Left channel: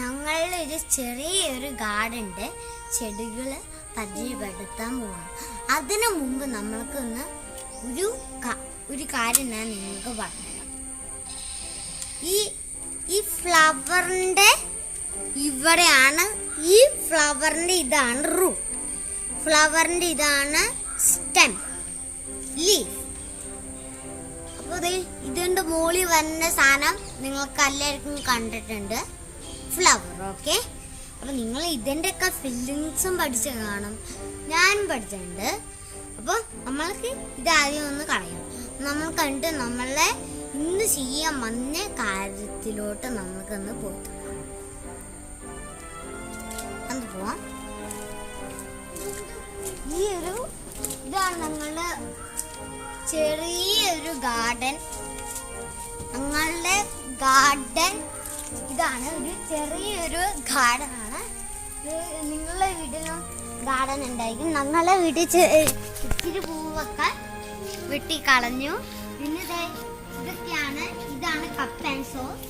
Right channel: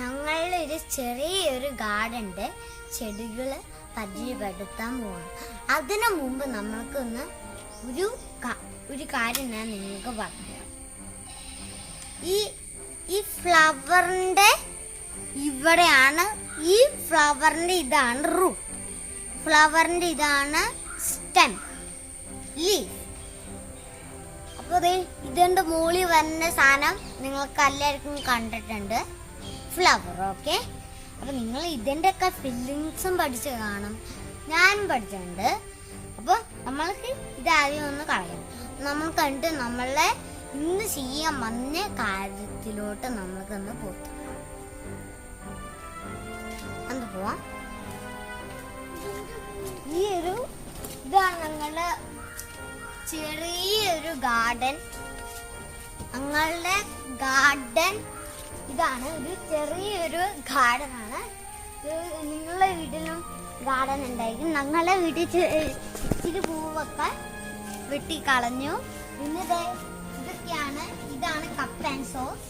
ഞങ്ങളുടെ ഒരു ചെറിയൊരു ഗാർഡൻ്റെ ചെടികൾ പരിചയപ്പെടുത്താൻ പോവാം. അതിനു മുമ്പ് നമ്മൾക്കൊന്ന് ഒരു കാര്യം ഞാൻ നിങ്ങൾക്ക് പറഞ്ഞുതരാം. ഈ ഫ്ലവറിൻ്റെ ഇവിടെയാണ്, ഈ ഫ്ലവറിൻ്റെ ഇതാണ് റൂട്ട്, ഫ്ലവറിൻ്റെ ഇതാണ് സ്റ്റെം, ലീഫ്. അപ്പോൾ ഇതിൻ്റെ മുകളിൽ വരുന്ന സാധനം നിങ്ങൾക്ക് എല്ലാവർക്കും കണ്ടിട്ടുണ്ട്, ഫ്ലവർ. ഓക്കെ, അപ്പോൾ നിങ്ങൾ ഇതിൻ്റെ ഒക്കെ ഫില്ലിങ്സും പഠിച്ച് കാണും, ഞാനും പഠിച്ചിട്ടുണ്ട്. അപ്പോൾ നമ്മൾക്ക് ഇതാദ്യം ഒന്ന് കളയാം. നമ്മൾ കണ്ടിട്ട് നമ്മളെ ഇന്ന് ചെയ്യാൻ വന്ന കാര്യത്തിലോട്ട് നമ്മൾക്കൊന്ന് പോവാം. ഈ ഒരു ഇതാണ് ഞങ്ങളുടെ ചെറിയൊരു ഗാർഡൻ. ഞങ്ങളുടെ ഗാർഡൻ ഇതാണ്, ഒരു ചെറിയൊരു ഗാർഡനാണ്. നിങ്ങളുടെ വീട്ടിലും ഗാർഡൻ ഉണ്ടായിരിക്കും. ഞങ്ങളുടെ വീട്ടിൽ ഇത്തിരി പൂവൊക്കെ വെട്ടിക്കളഞ്ഞു. പിന്നെ ഇതൊക്കെയാണ്, ഇതാണ് കപ്പ് ആൻഡ് സോസ്.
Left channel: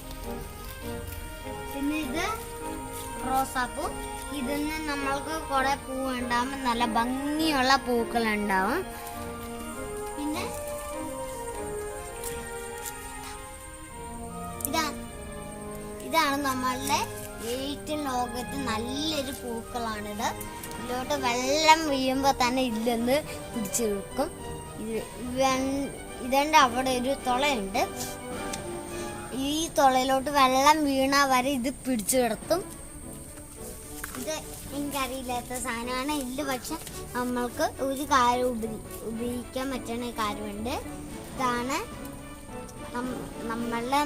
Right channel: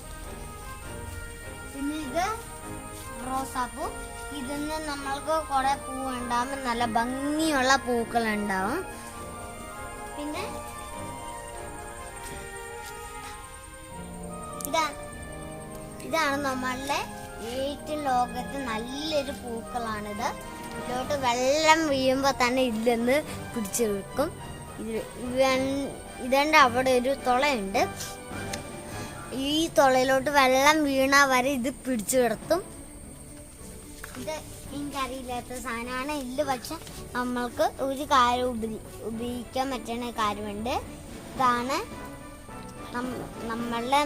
പിന്നെ ഇത് റോസാപ്പൂ. ഇതിന്ന് നമ്മൾക്ക് കുറെ പൂവുണ്ടാവും, നല്ല ഭംഗിയുള്ള പൂക്കൾ ഉണ്ടാവും. പിന്നെ ഇതാണ് നമ്മളുടെ ഏറ്റവും ലോകത്ത് നല്ലൊരു പൂക്കളാണിത്. ഇതിലോട്ട് വെള്ളം വീഴുമ്പോൾ തന്നെ ഇല്ലെന്ന് പിടിച്ചു വെക്കും. ഇതിൻ്റെ അവിടെ ഒരു തുളയുണ്ട്, ഈ തുളയിലോട്ട് വെള്ളം വീണ വരെ ഇത് പിടിച്ചു കിടത്തും. ഇത് എനിക്കറിയില്ലാത്ത സാധനമാണ് ഇല്ല, പക്ഷെ നമ്മൾക്ക് ഒരു കാര്യം ഉപയോഗിക്കാൻ പറ്റുന്ന കാര്യമുണ്ട്. ഇതാണ് നമ്മളുടെ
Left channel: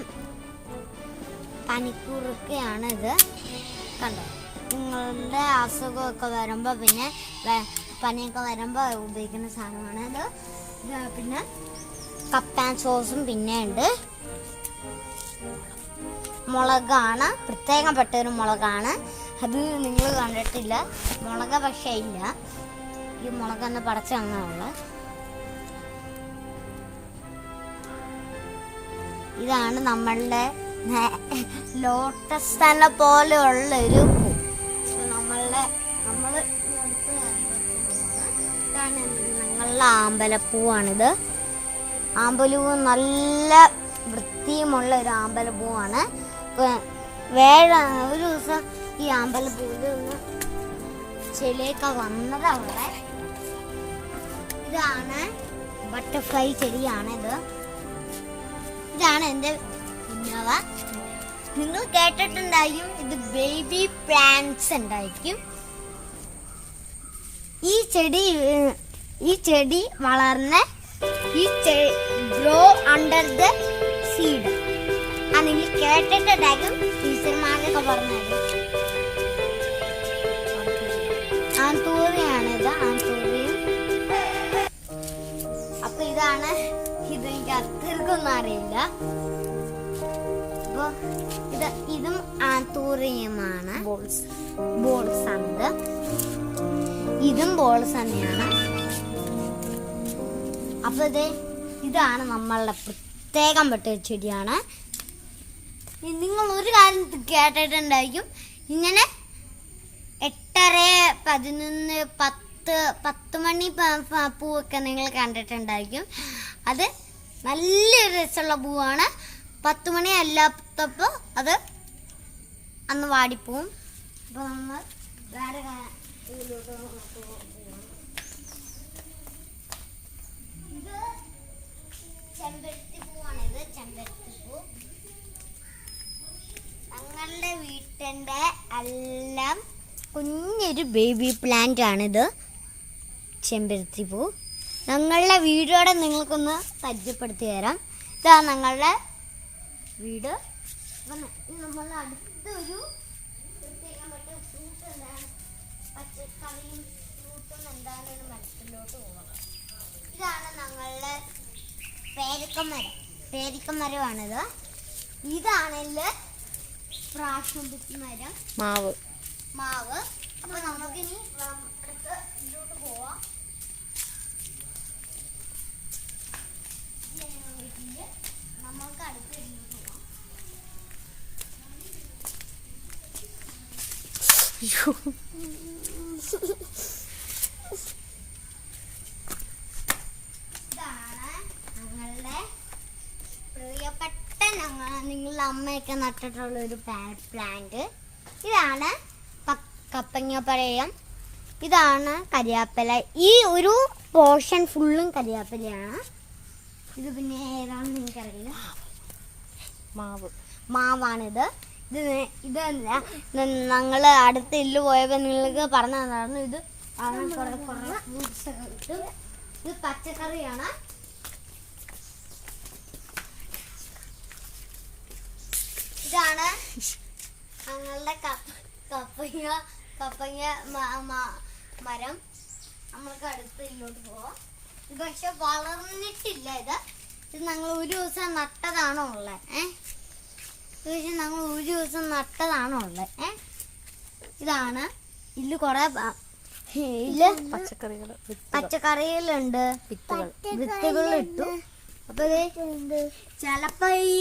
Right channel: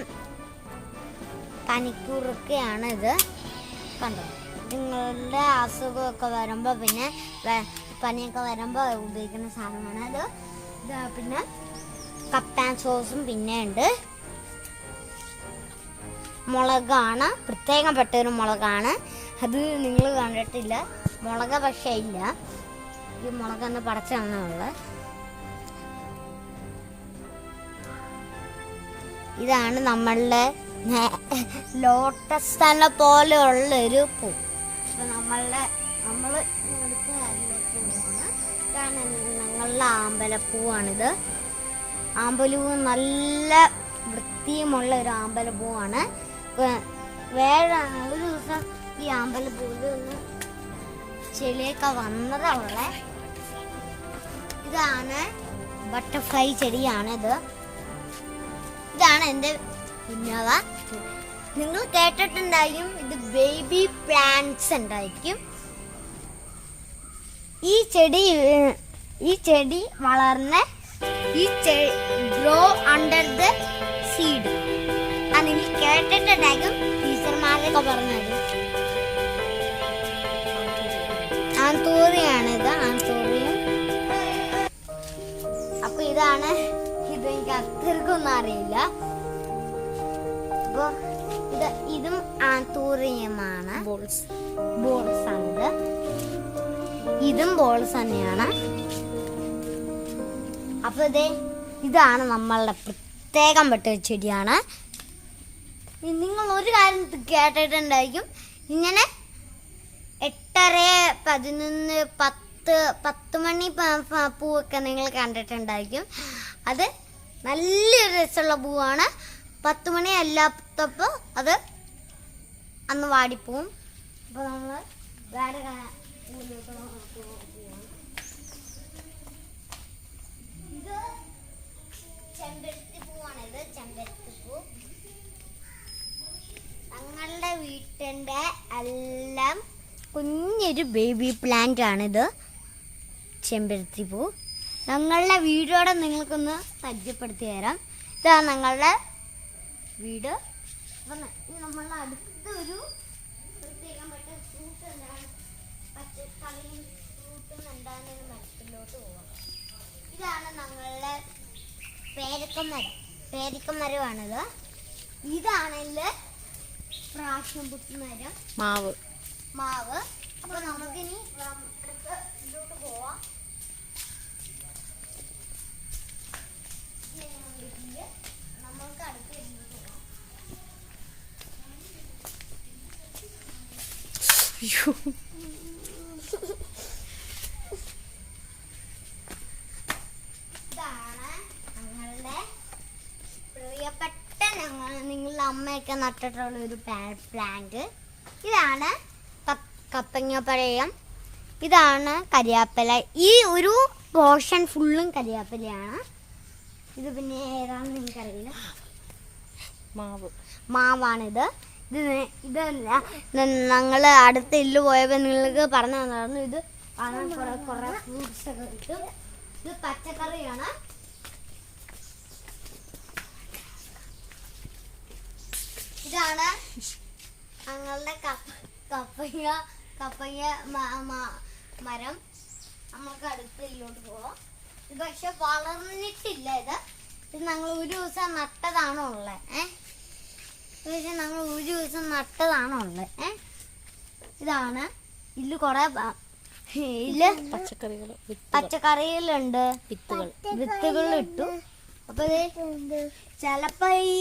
പനിക്കൂർക്കയാണ് ഇത്. കണ്ടോ, നിങ്ങളുടെ അസുഖമൊക്കെ വരുമ്പോൾ, പിന്നെ പനിയൊക്കെ വരുമ്പോൾ ഉപയോഗിക്കുന്ന സാധനമാണ് അത്. പിന്നെ കപ്പ് ആൻഡ് സോസും പിന്നെ ഉണ്ട്. മുളകാണ്, പ്രത്യേകപ്പെട്ടൊരു മുളകാണ്. അത് നിങ്ങൾ കണ്ടിട്ടില്ല, മുളക് പക്ഷേ ഇല്ല, ഈ മുളക് തന്നെ പടച്ചു തന്നുള്ള. ഇതാണ് നമ്മളുടെ ലോട്ടസ് തന്നെ പോലെയുള്ള ഒരു പൂ. നമ്മൾ ഇതാണ് ഞങ്ങളുടെ ആമ്പലപ്പൂവാണിത്. ആമ്പലപ്പൂ നല്ല വൃത്തിയുമുള്ള ഒരു ആമ്പലപ്പൂവാണ്. ഒരു ദിവസം ഈ ആമ്പലപ്പൂവിൽ ചെടിയൊക്കെ വന്നത് അവിടെ. ഇതാണ് ബട്ടർഫ്ലൈ ചെടിയാണിത്. ഇതാണ് എൻ്റെ കുഞ്ഞാവ. നിങ്ങൾ കേട്ടിട്ടുണ്ടായിരിക്കും, ഇത് ബേബി പ്ലാന്റ്സ് ഉണ്ടായിരിക്കും. ഈ ചെടി വളർന്ന് ഗ്രോ അണ്ടർ ദ സീഡ്. നിങ്ങൾ കേട്ടിട്ടുണ്ടായിരിക്കും, ടീച്ചർമാരൊക്കെ പറഞ്ഞത്. ആന്തൂറിയാണിത്, ആന്തൂറിയം. അപ്പൊ ഇതാണ്, ഇതെനിക്ക് അത്രക്കൊന്നും അറിയില്ല. അപ്പൊ ഇതും ആന്തൂറിയമാണ്, ബോൾസ് ആണിത്. ഇതും ബോൾസ് തന്നെയാണ്. അപ്പൊ ഇതാണ് നമ്മളുടെ പ്രത്യേകം പെട്ട ചെടിയാണ്. നിങ്ങൾ ഒരു കാര്യം കേട്ടിട്ടുണ്ടായിരിക്കും, ഇങ്ങനെ 8:30, 11, 10 മണി പൂവൊക്കെ നിങ്ങൾ കണ്ടിട്ടുണ്ടായിരിക്കും. അത് നല്ലൊരു രസമുള്ള പൂവാണ്. 10 മണി അല്ലാത്തപ്പോൾ അത് അന്ന് വാടിപ്പോവും. അപ്പോൾ നമ്മൾ വേറെ പൂവിലോട്ട് പോവാം. ഇത് ചെമ്പരത്തി പൂവാണിത്, ചെമ്പരത്തി പൂ. ഞങ്ങളുടെ വീട്ടിൻ്റെ എല്ലാം കുഞ്ഞൊരു ബേബി പ്ലാന്റ് ആണിത്, ചെമ്പരത്തി പൂ. ഞങ്ങളുടെ വീടോടെ നിങ്ങൾക്കൊന്ന് പരിചയപ്പെടുത്തി തരാം. ഇതാണ് ഞങ്ങളുടെ വീട്. നമ്മളുടെ അടുത്തൊരു പ്രത്യേകപ്പെട്ട ഫ്രൂട്ട് എന്താണ്, പച്ചക്കറിയും ഫ്രൂട്ടും എന്താണെന്ന് മരത്തിലോട്ട് പോകാം. ഇതാണ് ഞങ്ങളുടെ പേരക്കമരമാണിത്. ഇതാണെങ്കിൽ പ്രാഷ്യം പുത്തി മരം, മാവ്. അപ്പൊ നമുക്കിനി ഇതിലോട്ട് പോവാം. നമ്മൾക്ക് അടുത്ത് പോവാം. ഇതാണ് ഞങ്ങളുടെ പ്രിയപ്പെട്ട നിങ്ങളുടെ അമ്മയൊക്കെ നട്ടിട്ടുള്ള ഒരു പ്ലാന്റ്. ഇതാണ് കപ്പങ്ങപ്പഴം. ഇതാണ് കരിയാപ്പല. ഈ ഒരു പോർഷൻ ഫുള്ളും കരിയാപ്പലയാണ്. ഇത് പിന്നെ ഏതാണെന്ന് എനിക്കറിയില്ല. മാവാണിത്. ഇത് ഞങ്ങൾ അടുത്ത ഇല്ല് പോയപ്പോൾ നിങ്ങൾക്ക് പറഞ്ഞു തന്നായിരുന്നു. ഇത് കുറെ ഫ്രൂട്ട്സ് ഒക്കെ കിട്ടും. ഇത് പച്ചക്കറിയാണ്. ഇതാണ് ഞങ്ങളുടെ കപ്പങ്ങ മരം. നമുക്ക് അടുത്ത ഇല്ലോട്ട് പോവാം. ഇത് പക്ഷെ വളർന്നിട്ടില്ല. ഇത് ഞങ്ങൾ ഒരു ദിവസം നട്ടതാണോ ഉള്ളത്. പക്ഷെ ഞങ്ങൾ ഒരു ദിവസം നട്ടതാണോ ഉള്ളത്. ഇതാണ് ഇല്ല്. കുറെ ഇല്ല് പച്ചക്കറികളുണ്ട്. വിത്തുകൾ ഇട്ടു. അപ്പൊ ചിലപ്പോ ഈ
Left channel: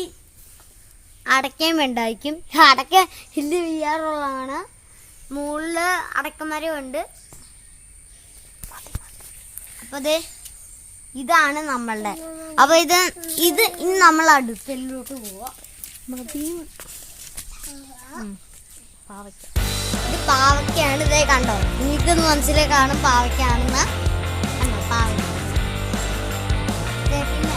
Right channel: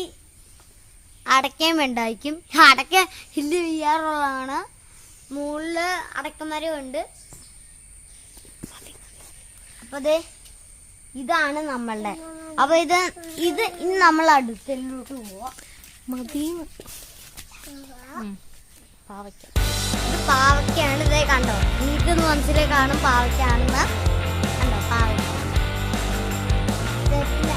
അടയ്ക്കയും ഉണ്ടായിരിക്കും. അടയ്ക്ക ഇല്ല് വീഴാറുള്ളതാണ്. മുകളില് അടക്കമരമുണ്ട്. അപ്പൊ ഇതാണ് നമ്മളുടെ. അപ്പൊ ഇത് ഇനി നമ്മൾ അടുത്തല്ലോട്ട് പോവാ. ഇത് പാവയ്ക്കാണ്. ഇതേ കണ്ടോ, നിങ്ങൾക്കൊന്ന് മനസ്സിലായി കാണും പാവയ്ക്കാണെന്ന്. കണ്ടോ പാവയ്ക്ക. പിന്നെ